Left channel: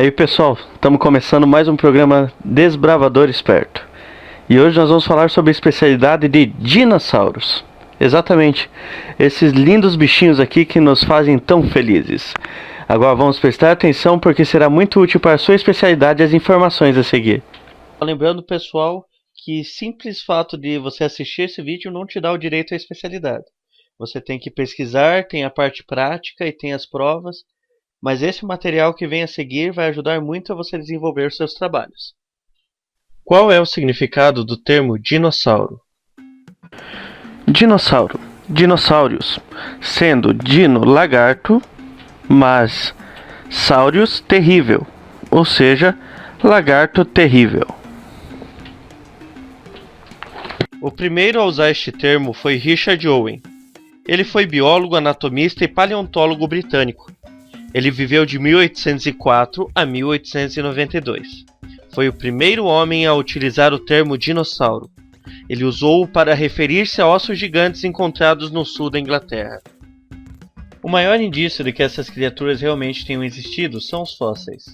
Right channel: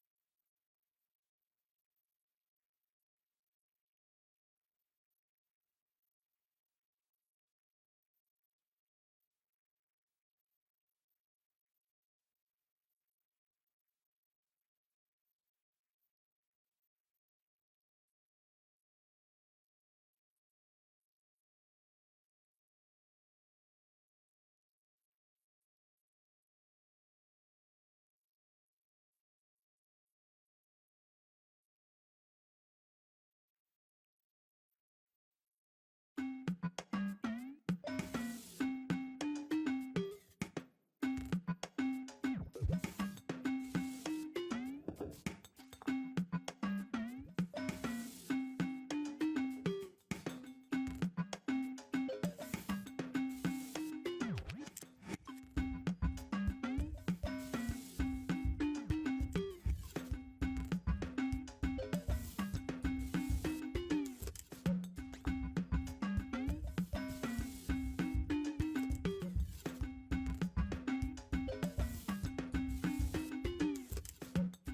Aí pessoal, estamos começando mais um programa Desbravador Esperto. E hoje nós vamos falar sobre a especialidade de dinossauros. Exatamente, esses lindos bichinhos aqui que nos fazem tão felizes. Agora vamos prestar atenção porque será muito útil para a sua especialidade as informações a seguir. Lembrando pessoal que simples fato de você assistir esse vídeo não te dá o direito à especialidade. Você tem que pesquisar, tem a parte prática e tem as provas. Mas esse material que vem a seguir vai ajudar muito a você desenvolver seus trabalhos. Qual é o significado do termo dinossauro? Dinossauro, dinossauros, sendo dino lagarto, mas saurios terrível, ou seja, lagarto terrível. O primeiro a usar este termo foi Richard Owen. Ele foi biólogo, anatomista e paleontólogo britânico. Ele viveu de 1804 a 1892. Foi o primeiro homem a utilizar o termo dinossauro. Ele usou-o para referir-se a ossos gigantes encontrados no sul da Inglaterra. O maior indício de que essas criaturas realmente tenham existido são os fósseis.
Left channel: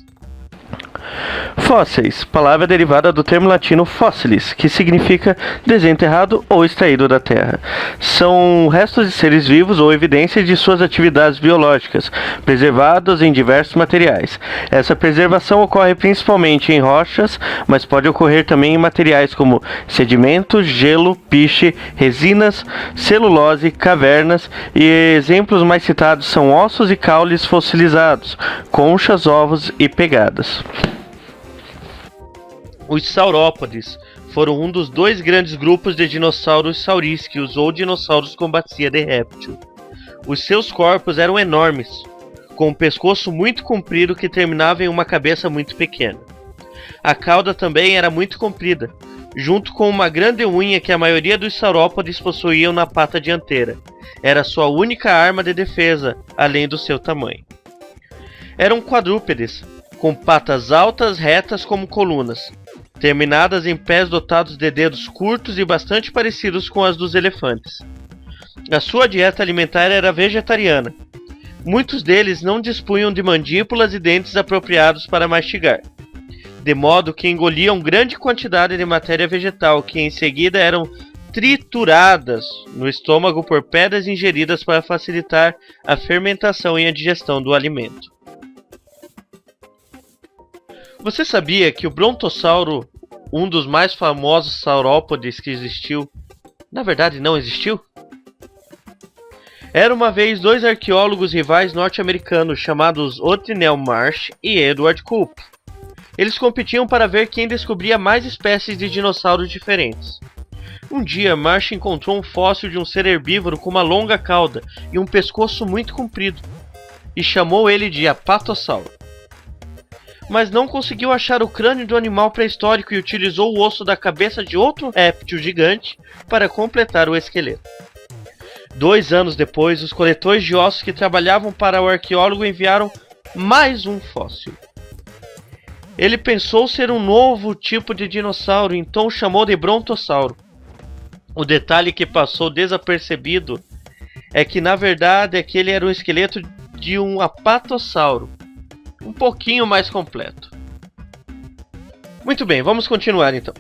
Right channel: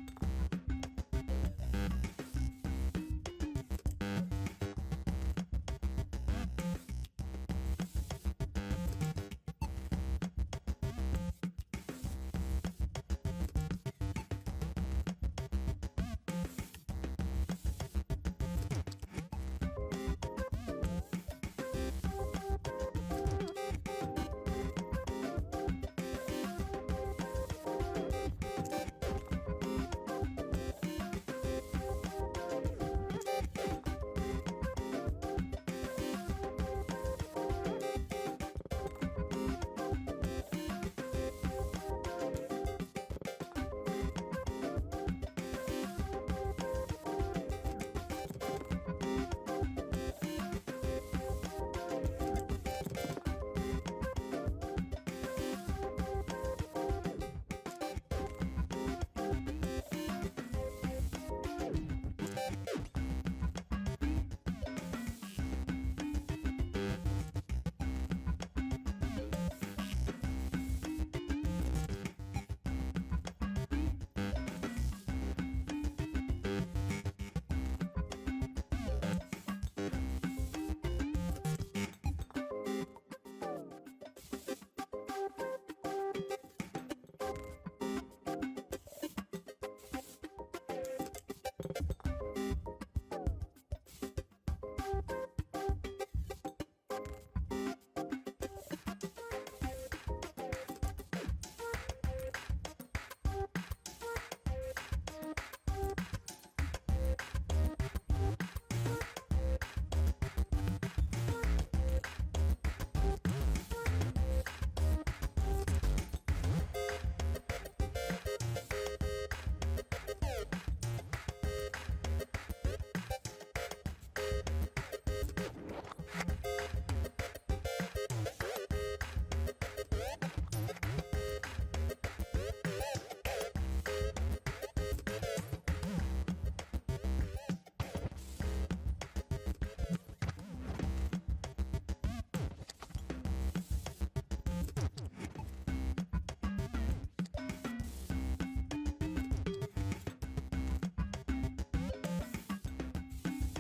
Fósseis, palavra derivada do termo latino fossilis, que significa desenterrado ou extraído da terra. São restos de seres vivos ou evidências de suas atividades biológicas, preservados em diversos materiais. Essa preservação ocorre principalmente em rochas, mas pode ocorrer também em materiais como sedimentos, gelo, piche, resinas, celulose, cavernas, e exemplos mais citados são ossos e caules fossilizados, conchas, ovos e pegadas. Os saurópodes foram um dos dois grandes grupos de dinossauros saurísqueos ou dinossauros com bacia de réptil. Os seus corpos eram enormes, com um pescoço muito comprido que terminava em uma cabeça muito pequena. A cauda também era muito comprida, junto com uma grande unha que a maioria dos saurópodes possuíam na pata dianteira. Era sua única arma de defesa, além do seu tamanho. Eram quadrúpedes, com patas altas retas como colunas, terminadas em pés dotados de dedos curtos e bastante parecidos com as dos elefantes. A sua dieta alimentar era vegetariana. Muitos deles não dispunham de mandíbulas e dentes apropriados para mastigar, de modo que engoliam grande quantidade de matéria vegetal que em seguida eram trituradas no estômago por pedras ingeridas para facilitar a fermentação e a digestão do alimento. Você sabia que o brontossauro, um dos mais famosos saurópodes que existiu, na verdade não existiu? Era uma vez dois arqueólogos rivais norte-americanos chamados Othniel Marsh e Edward Cope. Eles competiam para ver quem descobria mais espécies de dinossauros diferentes. Um dia, Marsh encontrou um fóssil de um ser herbívoro com uma longa cauda e um pescoço muito comprido, e chamou ele de apatossauro. Mas não conseguiu achar o crânio do animal pré-histórico e utilizou o osso da cabeça de outro réptil gigante para completar o esqueleto. 2 anos depois, os coletores de ossos que trabalhavam para o arqueólogo enviaram mais um fóssil. Ele pensou ser um novo tipo de dinossauro, então o chamou de brontossauro. O detalhe que passou desapercebido é que na verdade aquele era o esqueleto de um apatossauro, um pouquinho mais completo. Muito bem, vamos continuar então.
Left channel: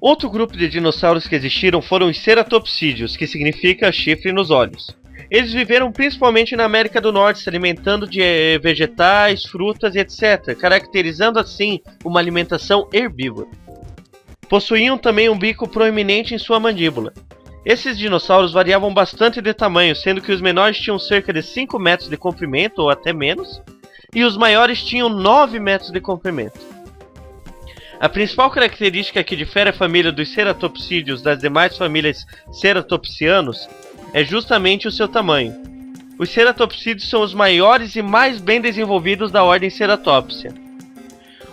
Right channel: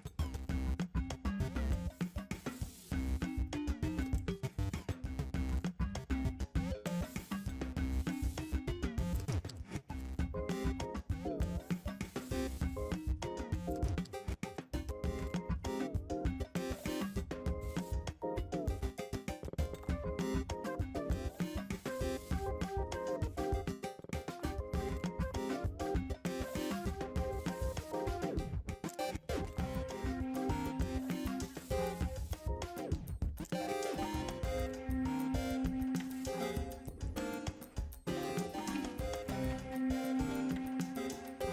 Outro grupo de dinossauros que existiram foram os ceratopsídeos, que significa chifre nos olhos. Eles viveram principalmente na América do Norte, se alimentando de vegetais, frutas e etc., caracterizando assim uma alimentação herbívora. Possuíam também um bico proeminente em sua mandíbula. Esses dinossauros variavam bastante de tamanho, sendo que os menores tinham cerca de 5 metros de comprimento ou até menos, e os maiores tinham 9 metros de comprimento. A principal característica que difere a família dos ceratopsídeos das demais famílias ceratopsianos é justamente o seu tamanho. Os ceratopsídeos são os maiores e mais bem desenvolvidos da ordem Ceratopsia.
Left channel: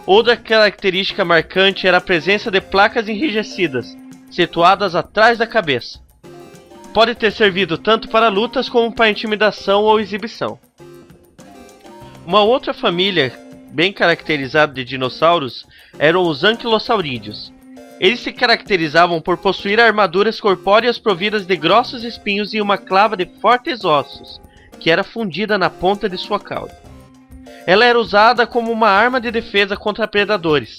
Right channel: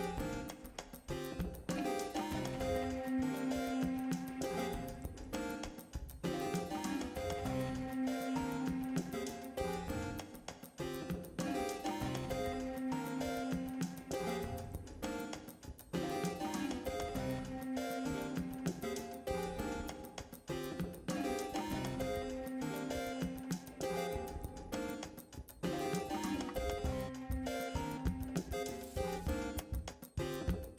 Outra característica marcante era a presença de placas enrijecidas, situadas atrás da cabeça. Pode ter servido tanto para lutas como para intimidação ou exibição. Uma outra família bem caracterizada de dinossauros eram os anquilosaurídeos. Eles se caracterizavam por possuir armaduras corpóreas providas de grossos espinhos e uma clava de fortes ossos, que era fundida na ponta de sua cauda. Ela era usada como uma arma de defesa contra predadores.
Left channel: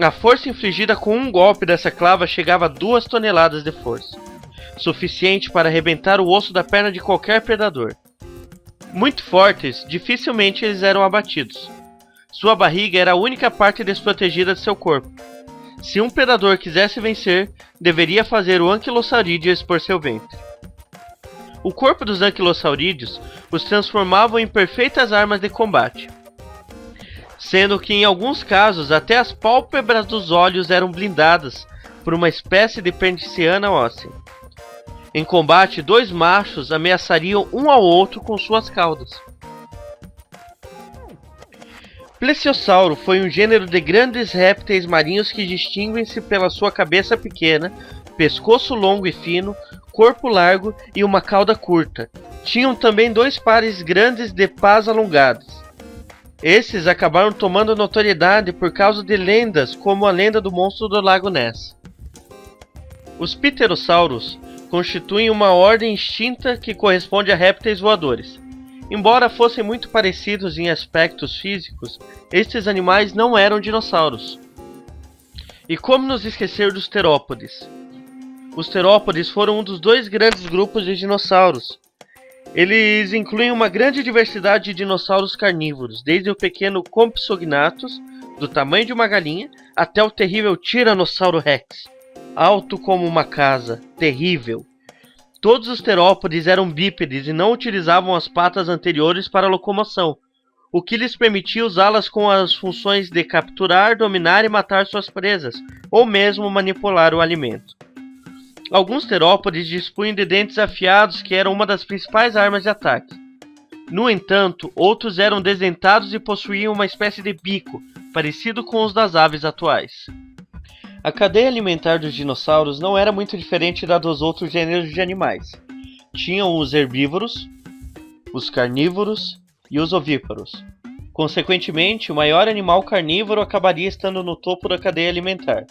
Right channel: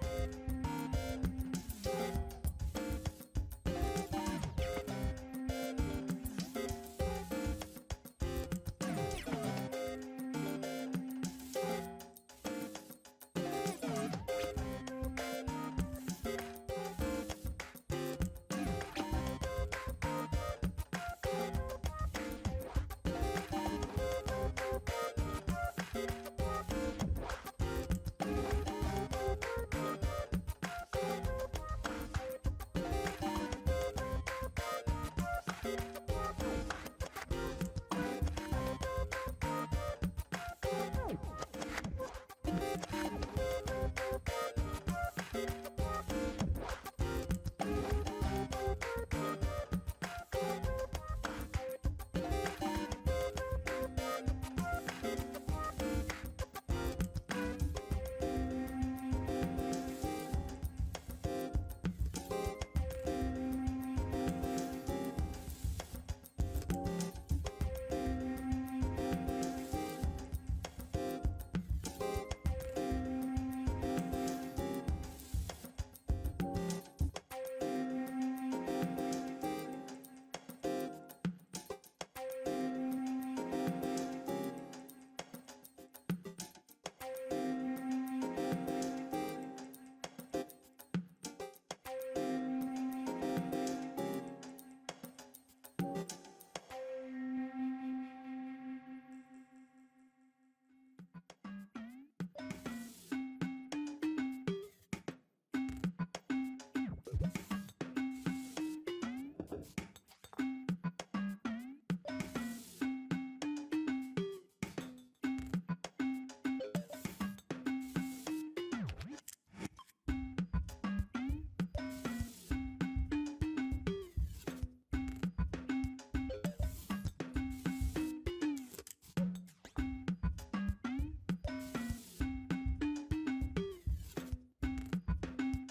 A força infligida com um golpe dessa clava chegava a 2 toneladas de força, suficiente para arrebentar o osso da perna de qualquer predador. Muito fortes, dificilmente eles eram abatidos. Sua barriga era a única parte desprotegida de seu corpo. Se um predador quisesse vencer, deveria fazer o Anquilosaurídeo expor seu ventre. O corpo dos anquilosaurídeos os transformavam em perfeitas armas de combate, sendo que em alguns casos até as pálpebras dos olhos eram blindadas por uma espécie de perniciana óssea. Em combate, 2 machos ameaçariam um ao outro com suas caudas. Plesiosauro foi um gênero de grandes répteis marinhos que distinguem-se pela sua cabeça pequena, pescoço longo e fino, corpo largo e uma cauda curta. Tinham também 2 pares grandes de pás alongados. Esses acabaram tomando notoriedade por causa de lendas como a lenda do monstro do Lago Ness. Os pterossauros constituem uma ordem extinta que corresponde a répteis voadores. Embora fossem muito parecidos em aspectos físicos, estes animais não eram dinossauros. E como nos esquecer dos terópodes? Os terópodes foram um dos 2 grandes grupos de dinossauros. Eles incluem uma grande diversidade de dinossauros carnívoros, desde o pequeno Compsognathus, do tamanho de uma galinha, até o terrível Tiranossauro Rex, alto como uma casa, terrível. Todos os terópodes eram bípedes e não utilizavam as patas anteriores para locomoção, o que lhes permitia usá-las com as funções de capturar, dominar e matar suas presas, ou mesmo manipular o alimento. Alguns terópodes dispunham de dentes afiados que eram uma das principais armas de ataque. No entanto, outros eram desdentados e possuíam uma espécie de bico, parecido com os das aves atuais. A cadeia alimentar dos dinossauros não era muito diferente da dos outros gêneros de animais. Tinham os herbívoros, os carnívoros e os ovíparos. Consequentemente, o maior animal carnívoro acabaria estando no topo da cadeia alimentar.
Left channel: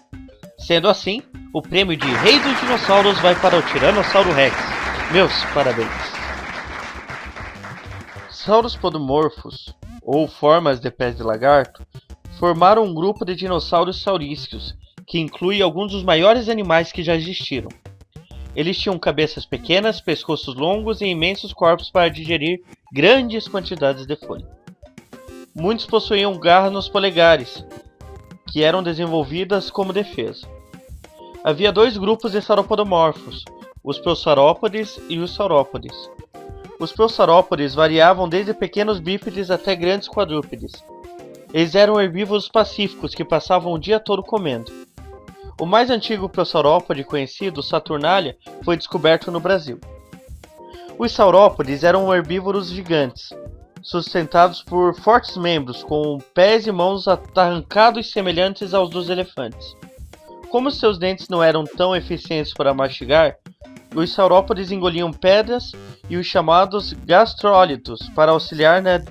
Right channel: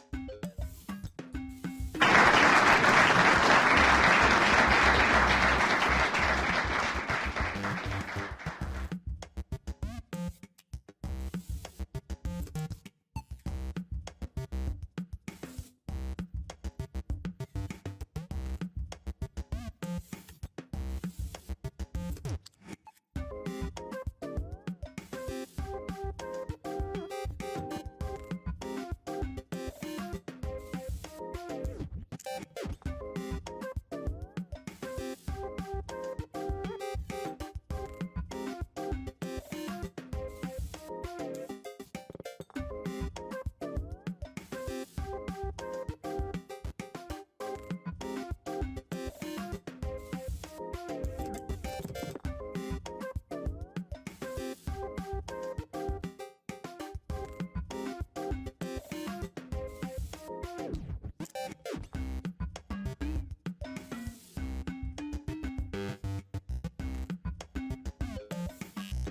Sendo assim, o prêmio de Rei dos Dinossauros vai para o Tiranossauro Rex. Meus parabéns! Sauropodomorphos, ou formas de pés de lagarto, formaram um grupo de dinossauros saurísticos, que inclui alguns dos maiores animais que já existiram. Eles tinham cabeças pequenas, pescoços longos e imensos corpos para digerir grandes quantidades de folha. Muitos possuíam garras nos polegares, que eram desenvolvidas como defesa. Havia 2 grupos de sauropodomorfos, os prosaurópodes e os saurópodes. Os prosaurópodes variavam desde pequenos bípedes até grandes quadrúpedes. Eles eram herbívoros pacíficos que passavam o dia todo comendo. O mais antigo prosaurópode conhecido, Saturnalia, foi descoberto no Brasil. Os saurópodes eram herbívoros gigantes, sustentados por fortes membros, com pés e mãos arrancados semelhantes aos dos elefantes. Como seus dentes não eram tão eficientes para mastigar, os saurópodes engoliam pedras e os chamados gastrólitos para auxiliar na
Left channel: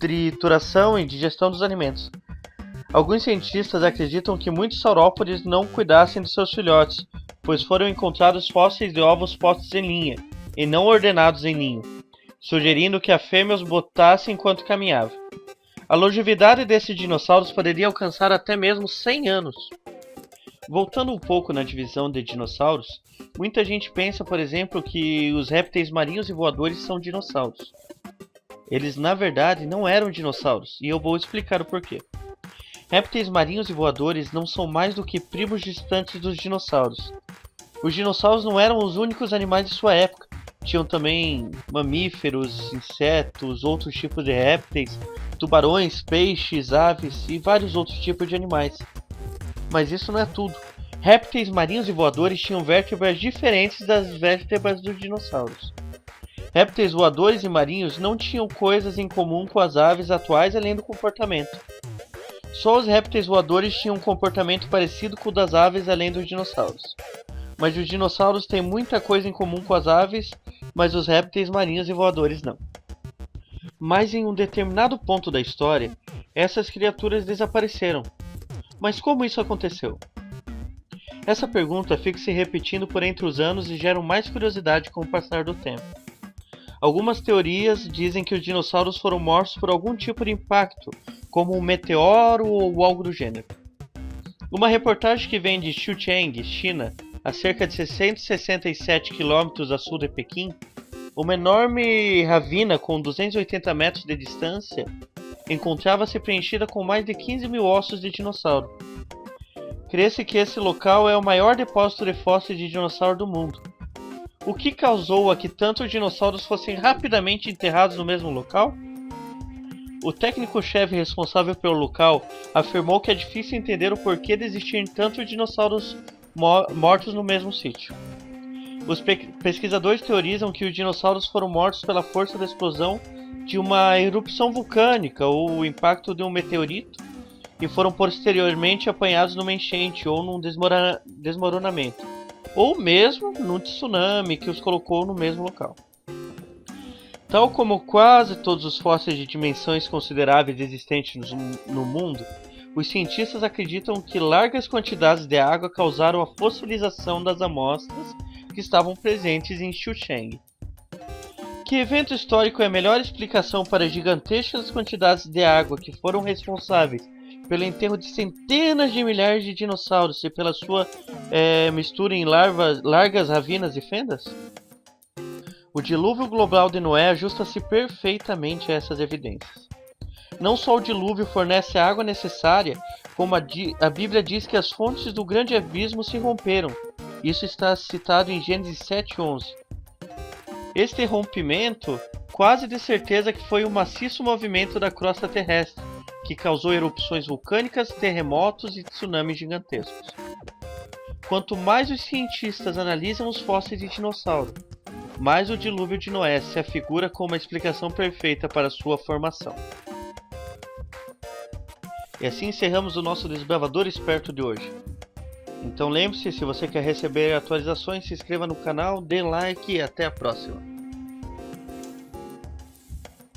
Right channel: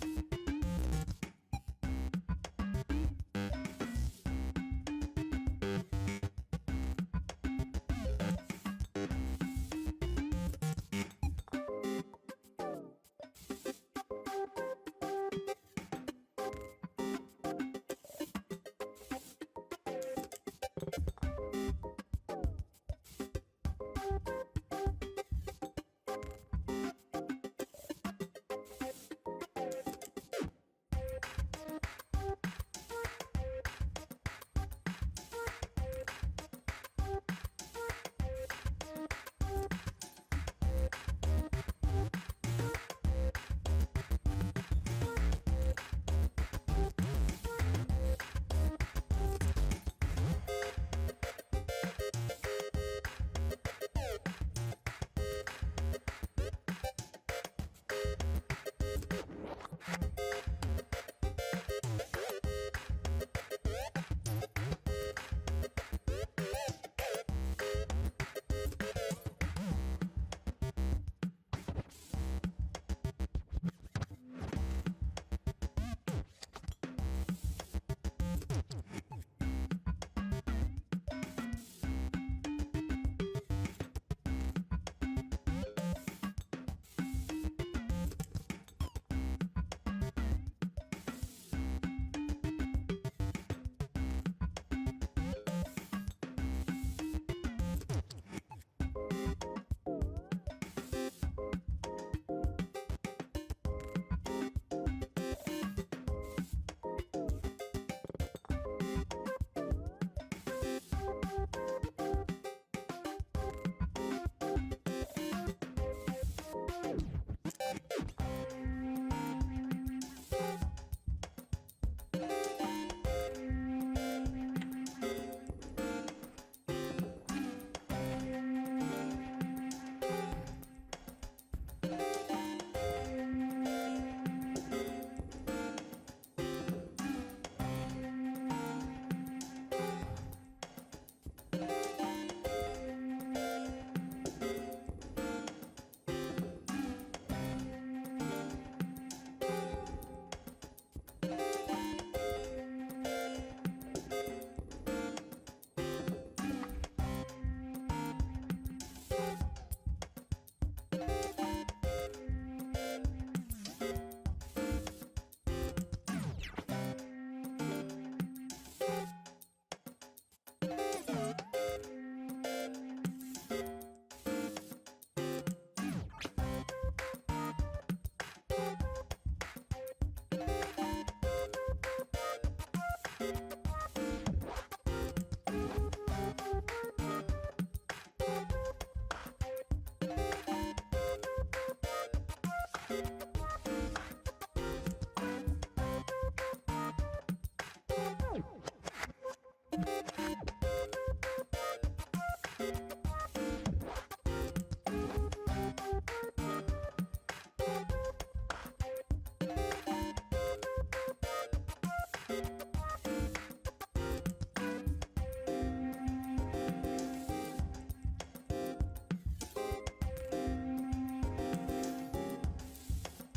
trituração e digestão dos alimentos. Alguns cientistas acreditam que muitos saurópodes não cuidassem de seus filhotes, pois foram encontrados fósseis de ovos postos em linha, e não ordenados em ninho, sugerindo que a fêmea os botasse enquanto caminhava. A longevidade desses dinossauros poderia alcançar até mesmo 100 anos. Voltando um pouco na divisão de dinossauros, muita gente pensa, por exemplo, que os répteis marinhos e voadores são dinossauros. Eles, na verdade, não eram dinossauros, e eu vou explicar o porquê. Répteis marinhos e voadores não são mais do que primos distantes dos dinossauros. Os dinossauros não eram os únicos animais de sua época. Tinham também mamíferos, insetos, outros tipos de répteis, tubarões, peixes, aves e vários outros tipos de animais. Mas isso não é tudo. Répteis marinhos e voadores tinham vértebras diferentes das vértebras dos dinossauros. Répteis voadores e marinhos não tinham coisas em comum com as aves atuais além do comportamento. Só os répteis voadores tinham um comportamento parecido com o das aves além dos dinossauros. Mas os dinossauros têm muita coisa em comum com as aves, mas os répteis marinhos e voadores não. Mas em um determinado ponto da história, essas criaturas desapareceram. Mas como isso aconteceu? Essa pergunta fica se repetindo por entre os anos e gera mais curiosidade com o passar do tempo. Algumas teorias dizem que os dinossauros foram mortos por algum tipo de impacto, como um meteoro ou algo do gênero. Uma reportagem que vem de Xucheng, China, a cerca de 667 km a sul de Pequim, uma enorme ravina com 280 metros de distância encontrava-se preenchida com mais de 15 mil ossos de dinossauro. Crê-se que esse local é o maior depósito de fósseis de dinossauro do mundo. O que causou a que tantos dinossauros fossem rapidamente enterrados no mesmo local? O técnico-chefe responsável pelo local afirmou que é difícil entender o porquê de existirem tantos dinossauros mortos no mesmo sítio. Os pesquisadores teorizam que os dinossauros foram mortos pela força da explosão de uma erupção vulcânica ou o impacto de um meteorito e foram posteriormente apanhados numa enchente ou num desmoronamento, ou mesmo num tsunami que os colocou no mesmo local. Tal como quase todos os fósseis de dimensões consideráveis existentes no mundo, os cientistas acreditam que largas quantidades de água causaram a fossilização das amostras que estavam presentes em Xucheng. Que evento histórico é a melhor explicação para as gigantescas quantidades de água que foram responsáveis pelo enterro de centenas de milhares de dinossauros e pela sua mistura em largas ravinas e fendas? O dilúvio global de Noé ajusta-se perfeitamente a essas evidências. Não só o dilúvio fornece a água necessária, como a Bíblia diz que as fontes do grande abismo se romperam. Isso está citado em Gênesis 7:11. Este rompimento, quase de certeza que foi um maciço movimento da crosta terrestre, que causou erupções vulcânicas, terremotos e tsunamis gigantescos. Quanto mais os cientistas analisam os fósseis de dinossauro, mais o dilúvio de Noé se afigura como uma explicação perfeita para sua formação. E assim encerramos o nosso Desbravador Esperto de hoje. Então lembre-se, se você quer receber atualizações, se inscreva no canal, dê like e até a próxima.